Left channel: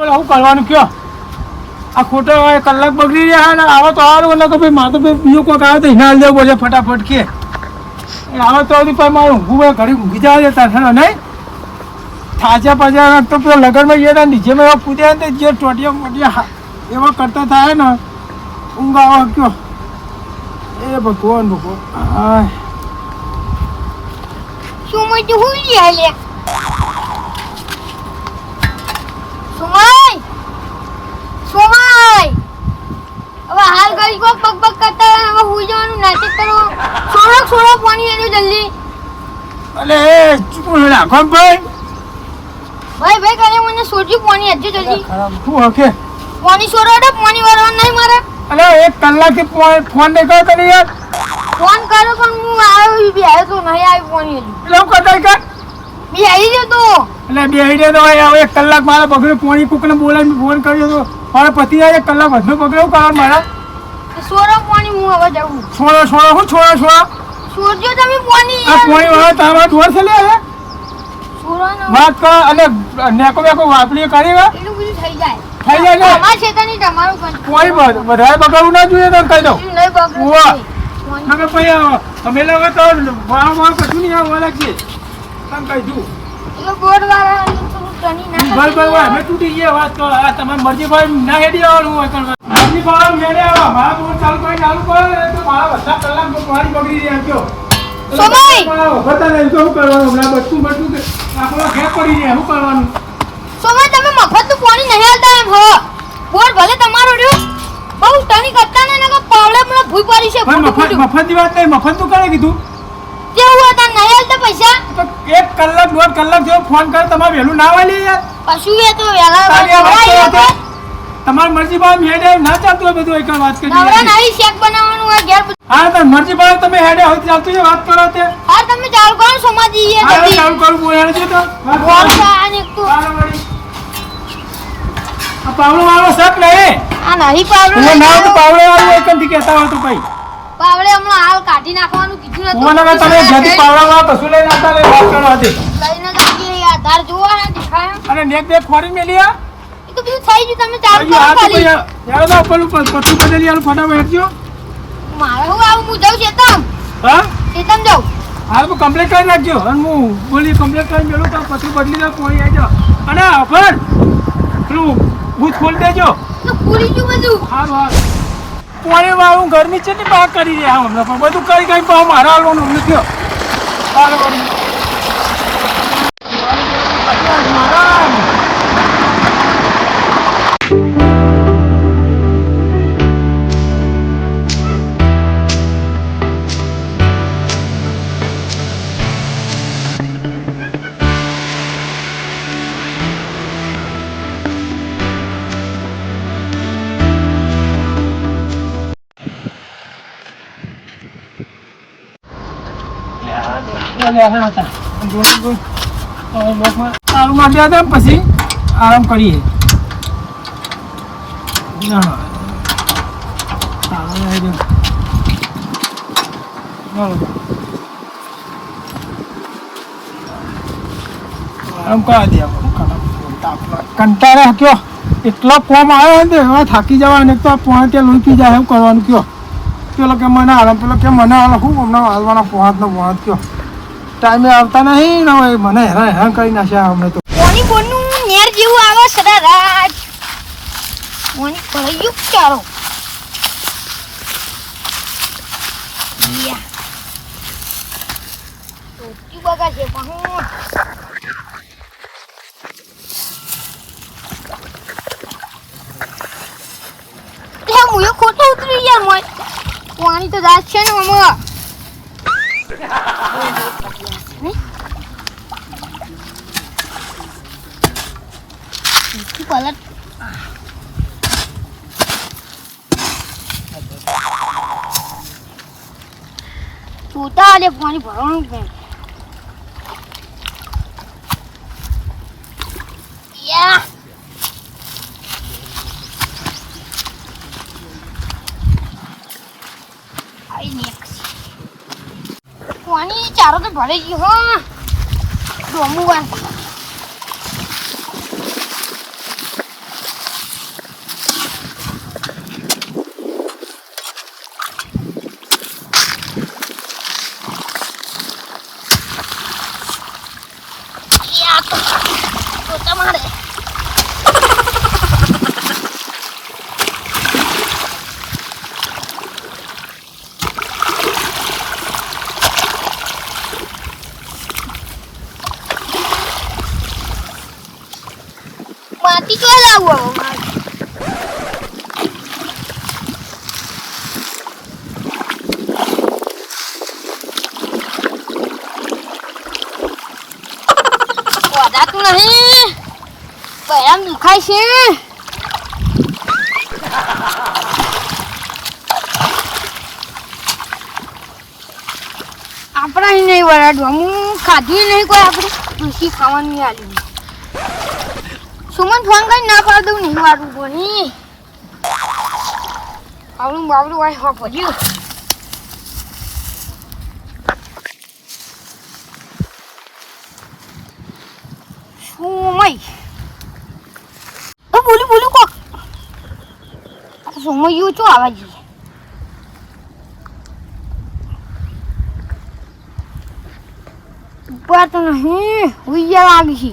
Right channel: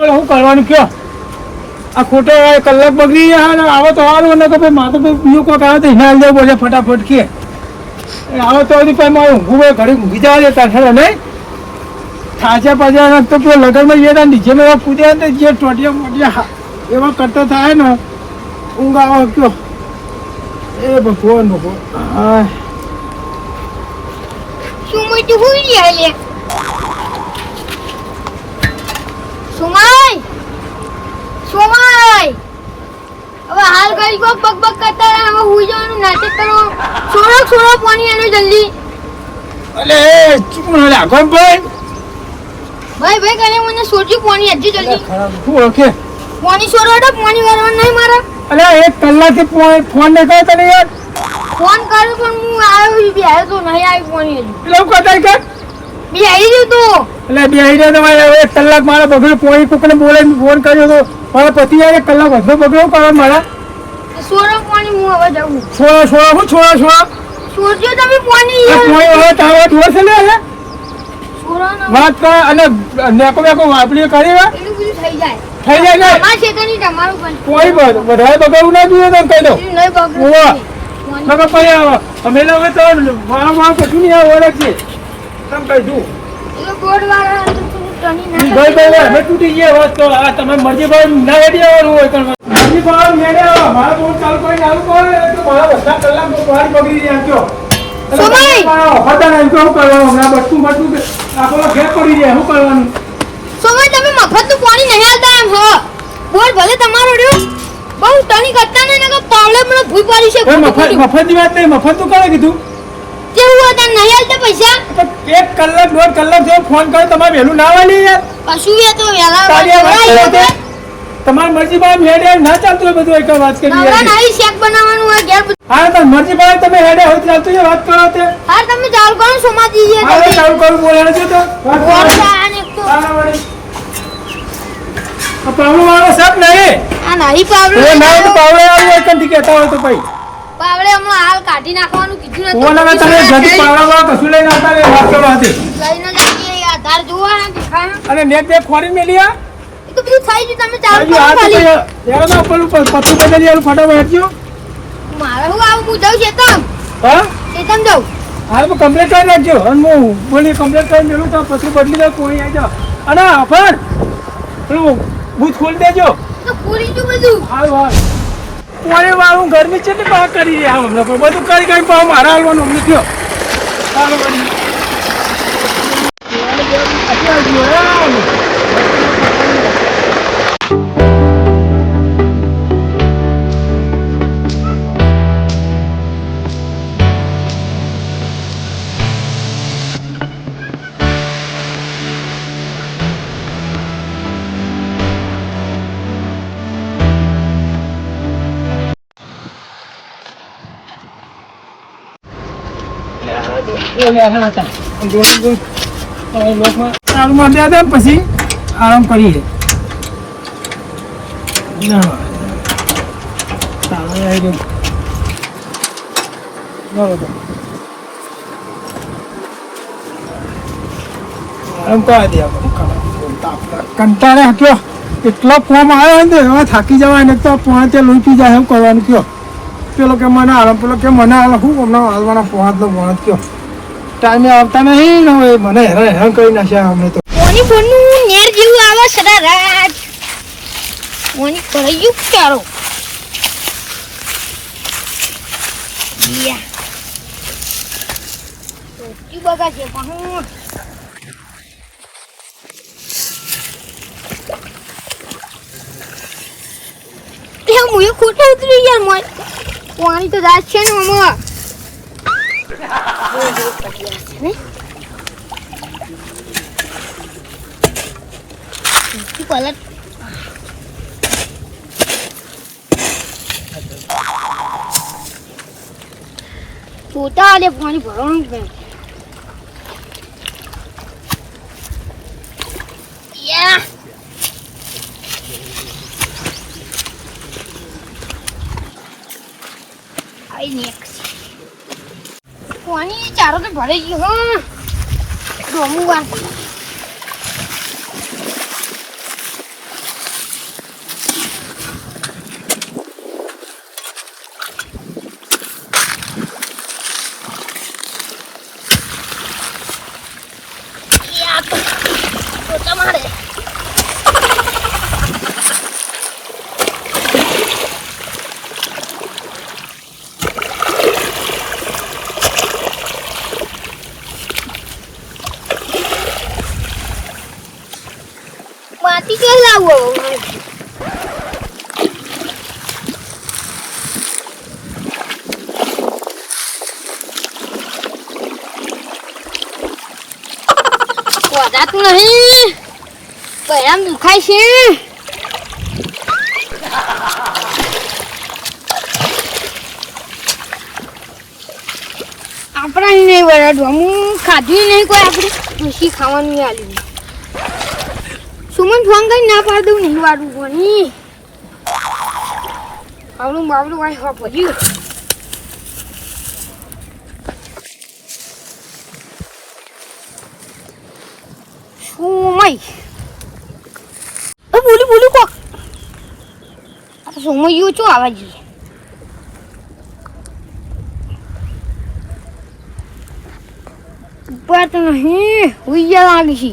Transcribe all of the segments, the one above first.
શું કરવાનું કયો? આ ખોટો કલાક બગડી જાય ને આવો તો સારું ને તો ભાઈ મારે તો બીજું કોઈક આવે તો હિના દેવું પડે ફટાફટ કે આવો તો હજુ પણ મારું ઊંઘું ઘડી ઊંઘી જવા દેતા ખરો નહીં થાચા પાછા તો પેલો લગનમાં ગયા હતા નીચેમાં એવા પૂજ્યા ને જે ટોટિયા મોટિયા એવા કરતા થાય ને ઊંઘ આવો કયો એ ભગવાન ભગવાન શું મોટું હોઈ ગયા લે સુમાય હવે હાલ ગઈ કો બક કરતા હવે હુઈ જવાનું નાટક કરો છોડો પાણી એનો જલ્દી અલે ચૂકું રાખો ભાઈ કરે મને સોજી પાણી હજુ જલ્દી શું ઓકે પાણી છોડો એટલે પાણી વાળવા નહીં મારે અલે 1 કલાકે ફોન ને કયો કરી યાર ફોન કર્યો પણ હું આવ્યો બી આવ્યો તો નહીં આવ્યો પાણી હજુ પેલો કતાઈ કર બી આવી ગયો તો એટલે બે આઈડિયા તો હવે 1 કલાક મારે બગડ્યો પોણી કોકને બોલાવીને ફોન કર્યો તો મારા પતિ યાર 1 કલાક વધુ બગડ્યો કરવા મારા સોરો પાણી હું હવે જાઉં છોડો સોરજો તમે પાણી આ પોણી વાળો તાવા દોર છે લે હવે સોરાનો વાત કર અને નેકો વાપડી કરી વે એટલું બધું થઈ જાય ને અમાર છેતરની તમારું પણ પોણી વધારે બગાડવું ના જોઈએ તો કહી દઉં નહીં બગડું ઓવા મગર પડી આવો અમે લોકો તો મારા કશું નહીં આવો રાખીએ તમ કહી દઉં તો બોર્ડ વાળા તો ટણી ના ભાઈ અમે તૂટી ગયા વાત તો આ તમારી મરજી ભાઈ ના હેડી આવવાનું હોય પણ મરજી ભાઈ મેળે આવો મારા બોલ ચાલુ કરી ચાલુ કરે તો મારા બધા કલાક પાણી બગડી રહ્યા કયો સમય હોતા નહીં તો શું કરવાનું હમણાં બટકું આપણો ઘેર પડી જાય શું કરવાનું સમય તમે મફતનું પાણી નહીં આલતા એમ હો બોર્ડ ભલે તમારો રહ્યો બહુ ટણી કરતા ને નકા પાવલે મને ભૂઈ પડી છે મફતની વાત નહીં મફત તો કરે કીધું કેવું હતા નહીં આલતા પૈસા 1 કલાક 1.5 કલાક જેવો ફોન કર્યો તમારે વહેલું ના વાલી યાર કશું એ તો વેલા તારી વાત કરો તે તમારી મરજી ભાઈ હેડે ના ચાલતું હોય બધું એક વાત કરી નવરા નાઈ શેક બનાવવાનું હોય ઘેર હા તો મરજી ભાઈ તમે હેડે હોય ચાલતું છે વાત કરો તે હા તમે ચાલુ કરો સોમાજી એ હા ચાલુ કરું બોલાણ છે તો આ પાવડો વાળો સબ નહીં આ નહીં પાવડો ઓ ના તો પાવડો વાળો એક કંઠી કહેતા હોય તો ભાઈ પાવડે હમણાં હાલ કાઢી નાખવાનું કીધું ઓ ના તમે જદી પાવડો વાળો કશું લઈને આવતા રે વાત કરો હતી લઈને જતી આધાર જોવાના દેખાય અને નેક બે ફોરી મેલિયા એ તો બધું થઈ ગયું તમે ચાલુ કરો આ તો ખાલી યાર તો પેલું પત્તું બદલી આલું ફટાફટ હેડજો મારે હું આવું પૂછાવ છે તમ હા ચેતન જાઉં હાલ હું કમ્પ્લીટ કરી નાખજો અને હું બોલી કમ્પ્લીટ કરી મેલું તો પછી બદલી દઉં કોઈ આવી જાઓ અને અફર પેલું બૂથ ખોલી દેજો તો પૂરી ગયું બધું હાલ પાણી વાળું ગરમી છે ને બહાર કરી દે હમણાં બધું કરી પણ મારા હાલવાનું અમને થયો પછી આરામ કરીએ કંટાળા કયો એટલો ફોર્મ આવે ને હવે થાકી જવાય ને તો ત્યાં લોહી પી જાય એમ કરવાનું કયો પેલો કે મને આરામ પેલો કે મને આરામ શું હમણાં હાલવાનો પહોંચ કયો ટાઈમે આવતા નહીં ને હવે મને હેરાન કરી નાખ્યા અમને તો કોની બોનું નેર જેવું આવે સદા રાત કોની પડ્યું ચારો યા તો કી બગા છે પાહું તે મુયો ખોટો ઉતરી યાર મોય પાણી તો દાસ છે ને મમ્મા પલટ છોટા આલે પાણી ભરવાનું કે યા આઈ નેક્સ્ટ પાણી ચારો તો ભરાઈ ગયો હા ડોમું વાત માટી તો લાવો હવે. વજાતું નહીં પહેલાં દુખાય છે. આપણા નહીં વરાડવા હું ખાધી નહીં કોઈ આપણે પછી ખાવાનું નહીં આલ્યું. સુમન ફોન કરી ના પાડ દઉં નહીં વાળું કોની આવડું બાવડું વાય હા પડ્યું. સોમય બોલું બોલું કોક સોમય યુ ચો આવા જઈએ. ઉપર તો નહીં ઉయ్యా લાગી છે.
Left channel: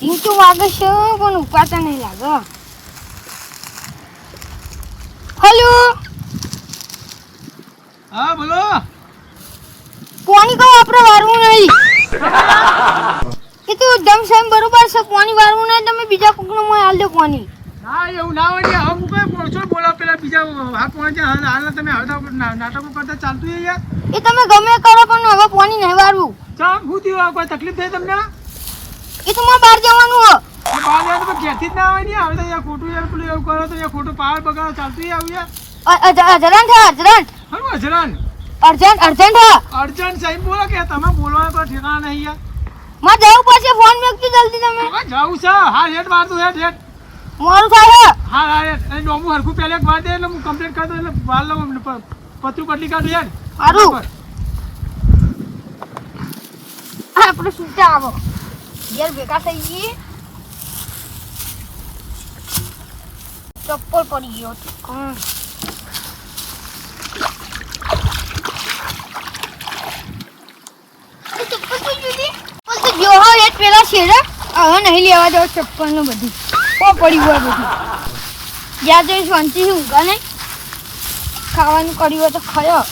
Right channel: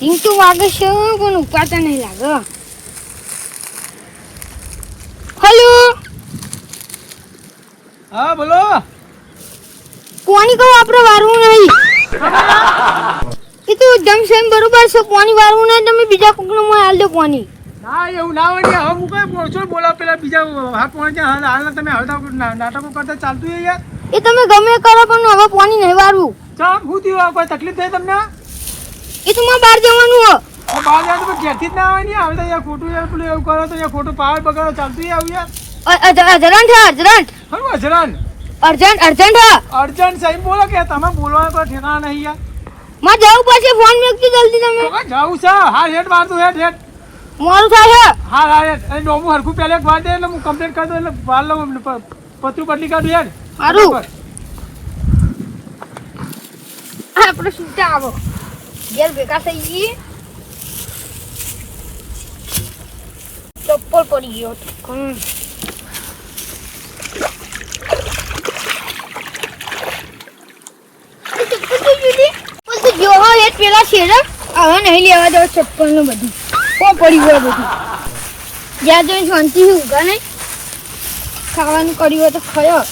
સિંગ તો વાગે છે પણ ઉપાતા નહીં લાગે. હેલો હા બોલો. કોની કહું આપણે વારવું નહીં. એ તો જમસેમ બરોબર છે. પાણી વાળવું નહીં તમે બીજા કોકનો મોય હાલ દો પાણી. ના એવું ના હોય ને. હવે હું કઈ બોલશો બોલાવ પેલા બીજા હાથ પહોંચે હાલના તમે હળતા નાટકો કરતા ચાલતું છે યાર. એ તમે ગમે કરો પણ હવે પાણી નહીં વાળવું. ચમ શું થયું? કોઈ તકલીફ થઈ તમને? એ તો મારે બહાર જવાનું હો. બહાર જાય તો ઘેરથી જ ના હોય ને. હવે તો યાર ખોટું યાર પેલું એવું કરો તો યાર ખોટું પાવર બગાડો ચાલતું આવું યાર. અર્જન્ટ હે અર્જન્ટ. હરું અજરાન અર્જન્ટ અર્જન્ટ હે. અર્જન્ટ સાહેબ બોલો કે તમે બોલવાનો કોઈ ઠેકાણા નહીં યાર. માં જવું પછી ફોન મેકજો જલ્દી તમે. જાઉં છે. હા હેડ મારતું હેડ હેડ. મોડું થાય હે. હા હા હેડ. એ નોમું હરખું પહેલે એક વાર દે એટલે હું કમ્પ્લીટ કરી દઉં એટલે વાર લઉં પતરું બદલી કાઢું યાર. સારું આપણે છૂટા આવો ઘેર ભેગા થઈ જઈએ. ચપ્પલ પડી ગયો. પેલા શેર હવે નહીં લેવા દેવા ચપ્પલ નું બધું કો પડી ગયો બધું. જ્યાં જઈને શાંતિથી ઊભા નહીં ખાવાનું કર્યું હોય તો ખયો.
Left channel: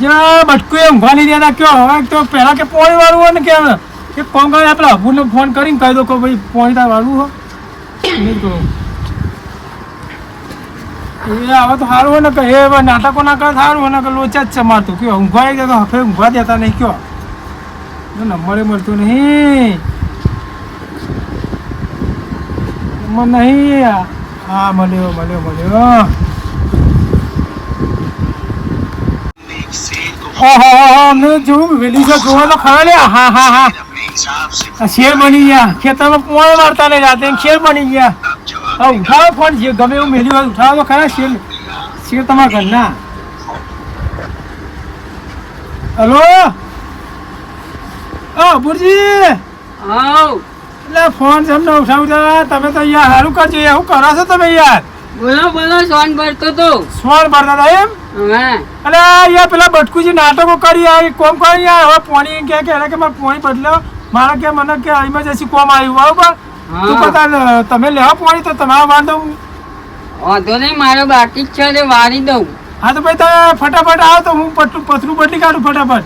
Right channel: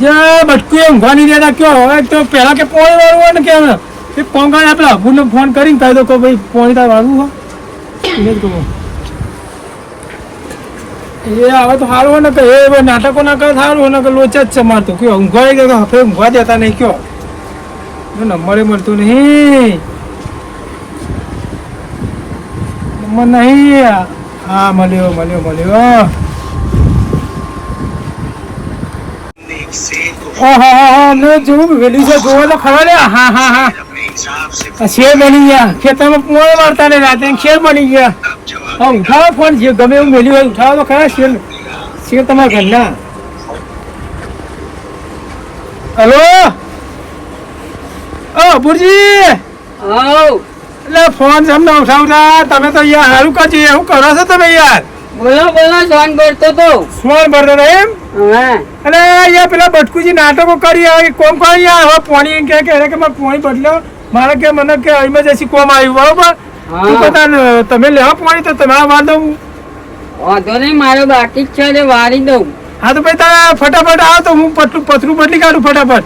જ્યાં બટકું એ ઊંઘવાની દેતા કયો. હવે તો પહેલા કે પોણી વાળું હોય ને કેમ કે ફોન કરી આપણે અબુને ફોન કરીને કહી દો કે ભાઈ પોણી તાર વાળું હોય એને જ કહું. એ હવે તો સારું હોય ને કે એ નાટકો ના કરે સારું હોય ને કે લોચા જ છે મારતો કયો ઊંઘવાઈ ગયો હવે ઊંઘવા દેતા નહીં કયો. નંબરે મળતો નહીં નંબર નહીં. હા મળ્યો મળ્યો મળ્યો. મેં જોઉં વેલી છે જોવા તો ખરા ને. હા હા હા શેર બની ગયા. ખેતરમાં પોણ મારતા ને રાતે શેર બની ગયા. હા ઉઠાવો ફોન જે ગમે એવું મેલ્યું હોય ઉઠાવો તો ખરા. શેર શેર તમારા ઘરના. હલો અબુરજી. એટલે ફોન તમને ઉઠાવતા તમે તો યાર સારું કરજો. શું કરો છો તમે યાર? બોલો બોલો સોન ભરતો તો. સોન ભરતા હતા એમ? અરે યાર પેલા બટકુજી નાટકો કરી કોમ કરી યાર. હવે પોણી કે મેં પોણી બદલ્યો મારે કે મને કે ઇમરજન્સી કોમ આવ્યું બરોબર. તું પતા તમે લેવા પોણી તો તમે વાર દઉં. વાંધો નહીં મારે બાકી જ છે તે વારી દઉં. હા તો ભાઈ તમે ફટાફટ આવો તો હું પતરું બદલી કાઢું ફટાફટ.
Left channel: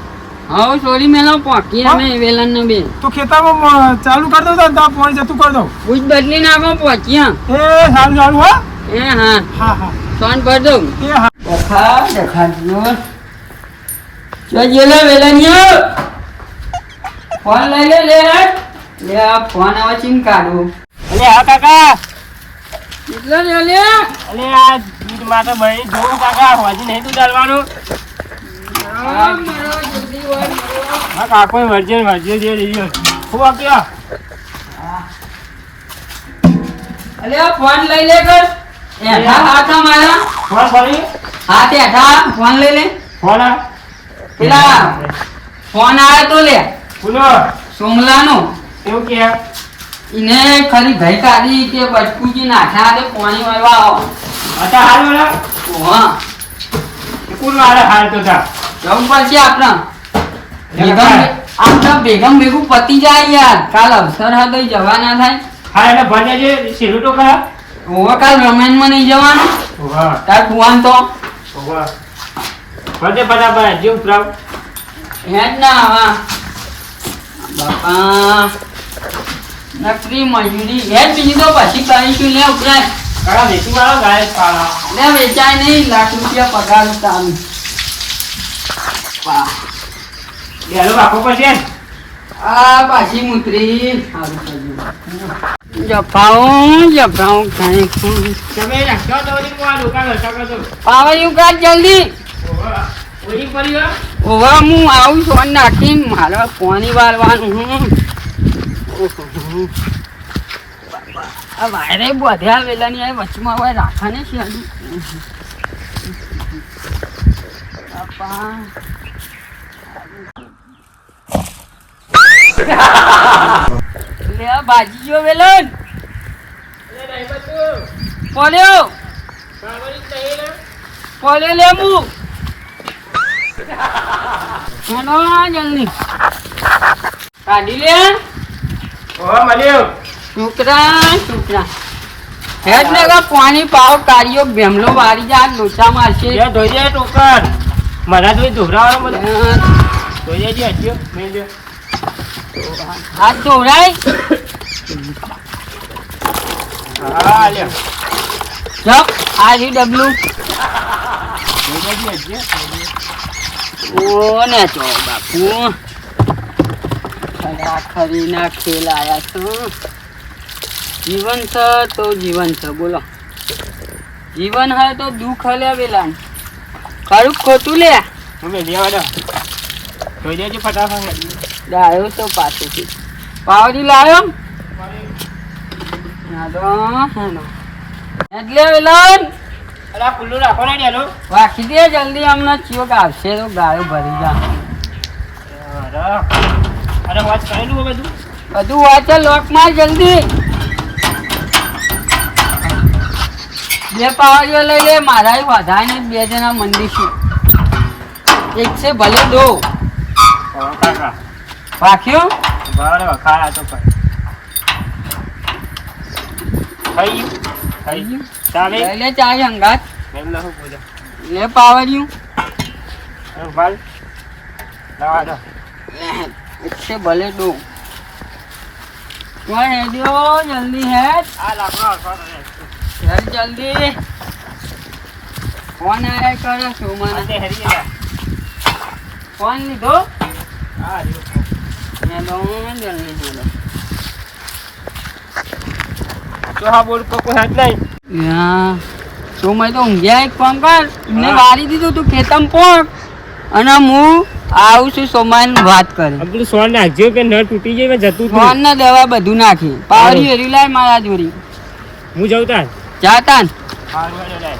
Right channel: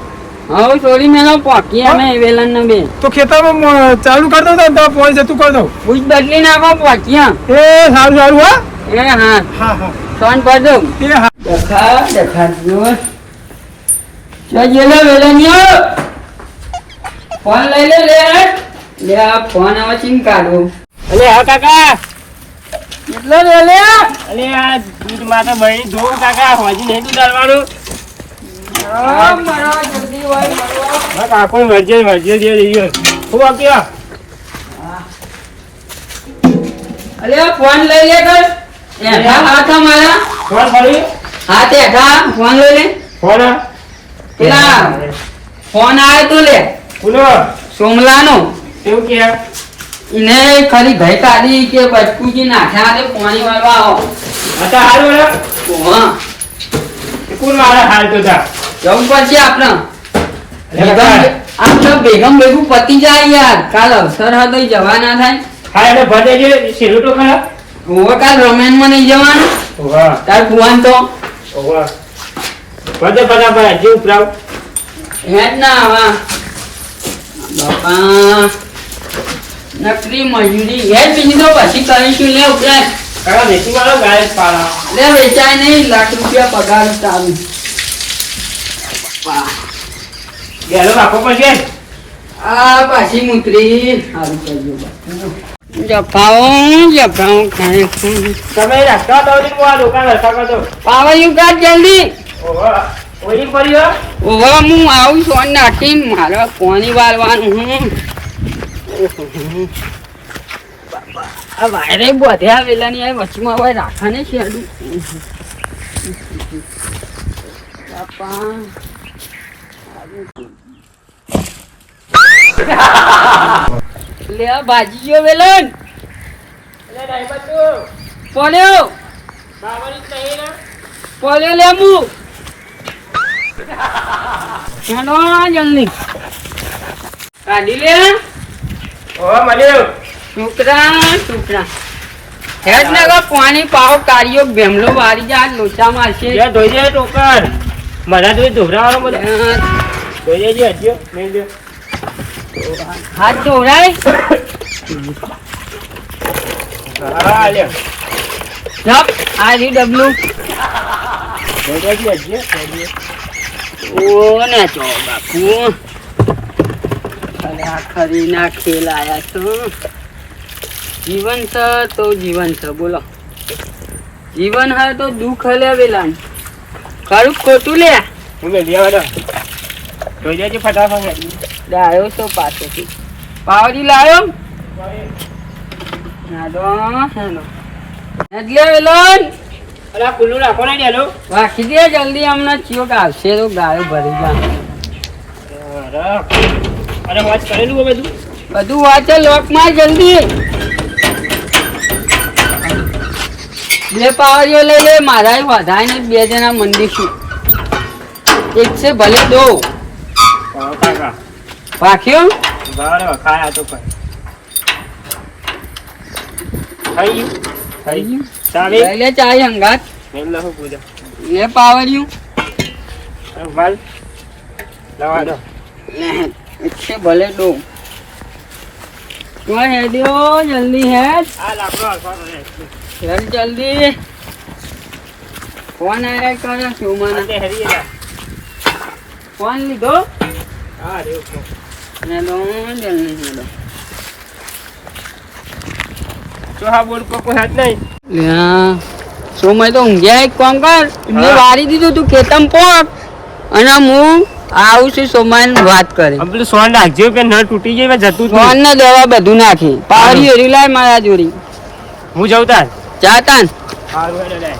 હવે છોડી મેલો પોકી અમે વેલન ને બે તો ખેતરમાં ચાલુ કરી દઉં તો પોણી જતું કરી દઉં. ભૂજ બદલી નાખો પોકિયા. એ સારું સારું હા. એ હા હા હા સોન ભર દઉં. એ હા દેખાડજો ચેલો વેલનિયો ફોન લઈ લે લે આ ફોન આવે ચીન કાઢું. અલે હા કાકા. કેટલો લે લે અલે આ દૂધ માતા બળી જોઉં કાકા હોજી નહીં તું ડાલવાનું. હા કાકો મરજે દે રહ્યો ખૂબ આપ્યા. અલે ફોન લઈ લે કર આ તો મારા ફોન ફરી હા તે ફોન લઈ લે. ફોન પેલા ફોન આવે તો લે બોલો સોમલાનો. એવું કે એને ખરી ગઈ કાઢી કે બચકુજી નાખ્યા તે પાણી વાળવા આવો. હતા હાલ હા કોણ મારા હાલ તો તા જવું પડશે આપણે આમ તો ભેગમ ભેગું પતી જાય યાર. કાલ અવસર હતો જવા ના થાય. હા એટલે ભજે જે સીધું તો ખરા ઓવે કાલ રમેનમાં નહીં જવાનું વાહ તાર કુવાન તો વાહ ભજે ફટાફટ જીવ પ્રાવ હેડ ના આવા બાપા નકરી મજૂરી હેડ બીજી તો પછી કરીશું લે ઉપરાય કાકા વેચી વાળો ગાય પાળા લે વેચાય નહીં લાખ રૂપિયા પગાર ચાલુ વાહ બેલો રાખવો પડશે ને? આ પાછી મુતરી સારું કરજો જફાઓ ખાય તમે રાખતા તો હું આ દુકાન રખા કરતો પાવાયું કાઢ જલ્દી ઓહો ઓલી પડી ગયો ઓવા હું આવું છું અને નાખીને મારે પાણી વાળવાનું હું આ વાયરે બધ્યા વેલાની આ વચમાં હવે રાખા ને છે બાપા લે આ ભાજી ગયો વેલન પોલ્યો પોલ્યો લેબુ હેડો જલ્દી કાઢી લે ઓહો મળ્યો છોકરા હેડ ને પાણી પાવ કાઢ્યો ભેમલો વારી જા લોચા મારશે લે ધોઈ દે ટોકર મને તો ધોરાવાનો બધો ધોઈ દે હજ્યો મેલ દે હાથ ધોરાય હા લે જપ આ રી ડબલું ધોઈ દે હજ્યો ઓ ના ચો બાપુ ખરીના ખેલ આયા છો જીવન છે તો જીવન છે બોલો જીવન હે તો દુઃખ હલે વેલા ખરું ખોટું લે હું મેલ દે વાડો ધોઈ દેજે ફટાફટ આવ્યો તો પાછળથી પાવડી લાવ્યો હેડો એટલે વેલન અલા ખુલ્લું રાખો ને ડેલો રાખી દે જલ્દી હમણાં ચિયોક આવશે તો ગાળો ભરી જા અરે વાત કરેલું હે બધું બધું વાંચે લોક માં જલ્દી બે પાવડીઓ લઈ લે મારા વધાય ને બે જણા મંદીશું એક છે ભલે દો કાકા રાખ્યો બરાબર ખાયા તો પણ ખાઈ થઈ ગયું ચાલે લઈ લે ચાય હંગાત મેલ લો પૂજા લે પાવડિયું વાલ લાવા દો લે એક છે ભલે દો તો હેડ્યો જલ્દી હેડ આ લાકડો હેડ જલ્દી ફોન આયા કરે શું મને તે હરી ગયા ફોન લીધો હા રે હેડો જલ્દી હેડો તો હા બોલ કોકો હાથ નહીં લ્યા સોમય તો ઊંઘ્યા એક કામ કર એમને હા. વારી દીધું તું ખેતમ પોક અને હું આવું છું સોમય વાત કરે પેલું સોન નાખજો કે ન તૂટી જાય જતું ફોન ના દવા બધું નાખી પાવડી હરી લાય મારા જોડી હું જાઉં તાર જાતા સારું હેડો લાય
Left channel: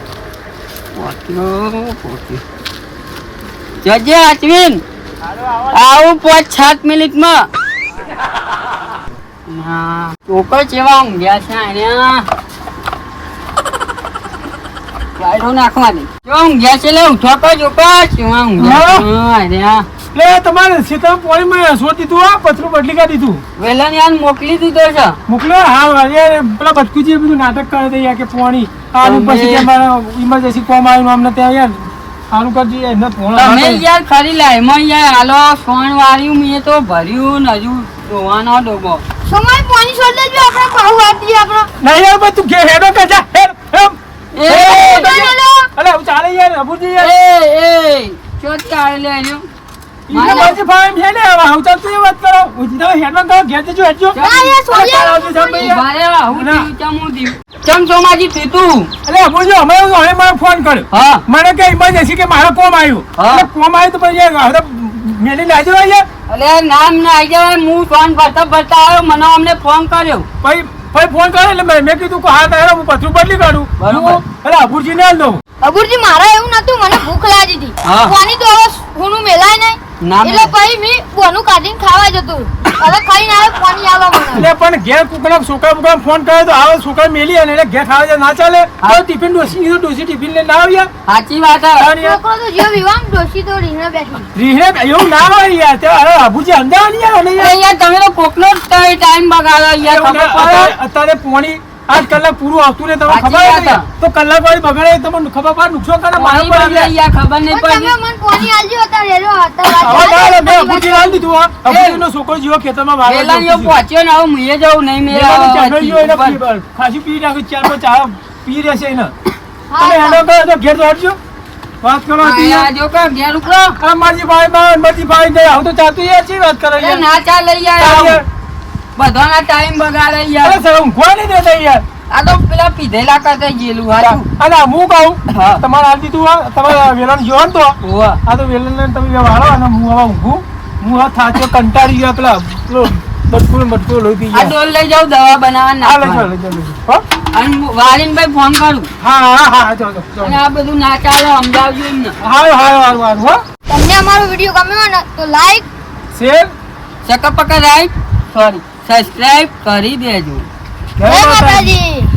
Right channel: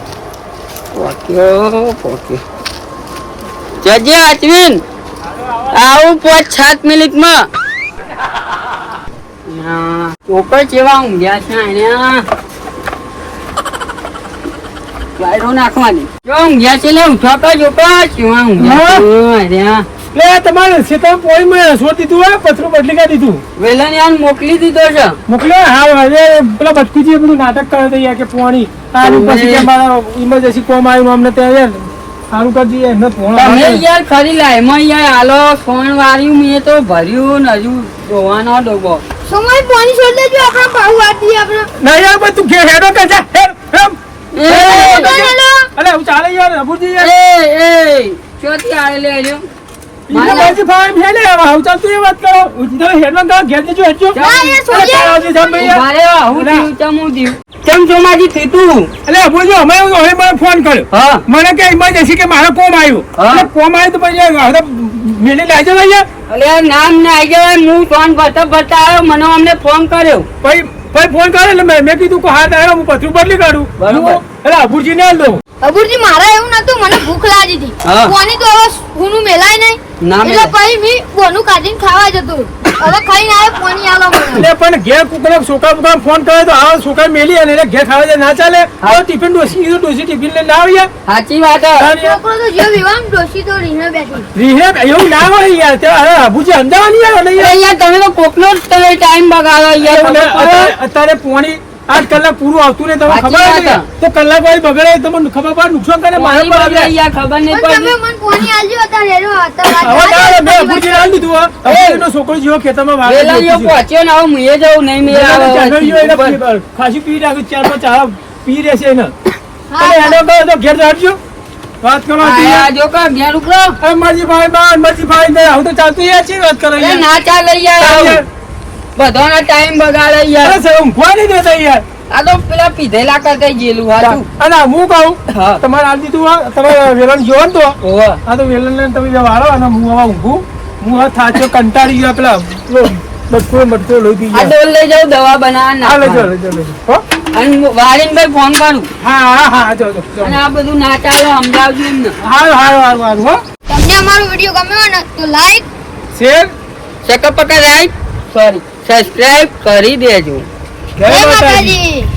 પોક્યો જજે અશ્વિન આવું 5-7 મિનિટમાં ચોકર જેવા ઊંઘ્યા છે અહીંયા ગાયડો નાખવાની જો ઊંઘ્યા છે લે ઉઠો તો ચોકર જેવા ઊંઘ્યા લે તમારે ક્ષેત્ર પોઈમાં છોડ દીધું આ પથરું બદલી કાઢી દીધું વેલા ને મોકલી દીધો છે મોકલે હા હવે પેલા બચકુજી બધું નાટક કરે છે યાર કે પોણી આનું પછી કે ઇમરજન્સી કોમ આવ્યું અમને ત્યાં યાર સારું કરજી એમને ફોન તમે યાર ખરી લાય એમાં યાર હાલો ફોન વાર્યું મેં તો ભર્યું ને હજુ ધોવાનો ડોબો સમય પાણી છોડ દેજો આપણે પાવ વાતી આપણે ના યાર બસ તું ઘેર હેડો કે જા હેડ ચાલો અલે હું ચાલે યાર અબુજી યાર એ ચોથી આલે લે આવ્યો ઈને બાજી ફાઈન ફેલે હવે હું ચાલ તું એ વાત કરો હું સીધા હેડમાં કા ઘેર જજો હેડજો ના યાર છોડી ભારે હું દીવ ચમુ દીવ ચમ સોમાજી થીતું અલે અબુજી અમે હવે મને ફોન કર્યો હા મને કે ઇમરજન્સી કે મારા કોમ આવ્યું હા. એટલે કોમ આવ્યું તો પછી હવે મિલી લાજો યાર અલે નામ ના આવી જવાય હું ફોન ભરતા આવ્યો મને અમને ફોન કર્યો ભાઈ ફોન કરે એટલે મેં કીધું કે હા તારે હું પથરું બદલી કાઢું બરોબર. એટલે અબુજી ને દઉં અબુરજી મારા એવું નતું મને ભૂખ લાગી હતી હા. પાણી તો હવે ઊનું મેલાય નહીં ના એટલે પછી મેં બોનું કાઢીને ખાવા જતું હવે ખાઈને આવે પાણી આલો મને. એટલે પણ ઘેર કોકનો છોકરા બોકરા ફોન કરે તો આવો છોકરા મેલી અને એને ઘેર ખાવા જાય ના ચાલે હા. તો ટિફિન ડોસી ટિફિન લઈને ના આવે યાર સાચી વાત હે. ખાવાની યાર. છોકરો તો જેવો વિવાહ ડોશી તો રીને બેઠી રીહે એવું ના હોય યાર તે અરે અબુજી અમદાવાદ નહીં આવ્યો ને અરે યાર તમે તો કોકનો જ તમે ટાઈમ બગાડો યાર યાર ખબર પડે? અત્યારે પોણી 8 કલાક પૂરું આવતું ને તમને સાચી ખબર વાત હતી તો કલાક વાળી બગડે તમને ખબર પડે નુકસાન કરે મારે પાણી બગડે યાર ખબર નહીં પણ પડી. તમે મને પાણી આલજો હતા રેલો હતા હવે ના મેં અબુજી લાવી દીધું હા અબુજીનો છોકરો જેવો ખેતરમાં વાળો પેલા અહીંયા પહોંચ્યો ને હવે મુએ જવું નહીં મેળાવા. ખાસી પી નાખ્યું ચાર પાંચ ચા પી રહેશે એને હા, તમે હેડો કરો તો ઘેર રાખજો વાત કરો આયા જો કે ઘેર ઉકળો. અરે માજી ભાઈ ને આવું તો ચાલતું યાર છે વાત કરો અરે યાર ના ચાલે યાર ચાલ આવું. યાર. બધાના ટાઈમ બગાડે અરે યાર. સર ઊંઘવા નહીં દેતા યાર આ તો પેલા પીધેલા કરતા ગયેલું હાચું. અને હું કહું હા. તમારે આ દીધું હોય, તમારે વેલણ જોવો ને તો ઓવા. આ તો વેલણ ને તમે વાળો અને હું હવે ઊંઘું હું આ થાચો કંટાળી ગયો પેલા બટકો લોહી પી આ ગયા ડોલ લઈ જાઉં દવા બનાવવા હા લેજો નાખવા. લેજો લેજો હો? અને વાળીને ભાઈ ફોન કરું હા જો અને આ બધું ના ચાલો સમજાવજો એમને. હા હો તમને અમારો વિડીયો ગમ્યો હોય ને તો લાઈક શેર સકપકા રાઈટ સોરી સબસ્ક્રાઇબ કરી દેજો. જય જય માતાજી માતાજી.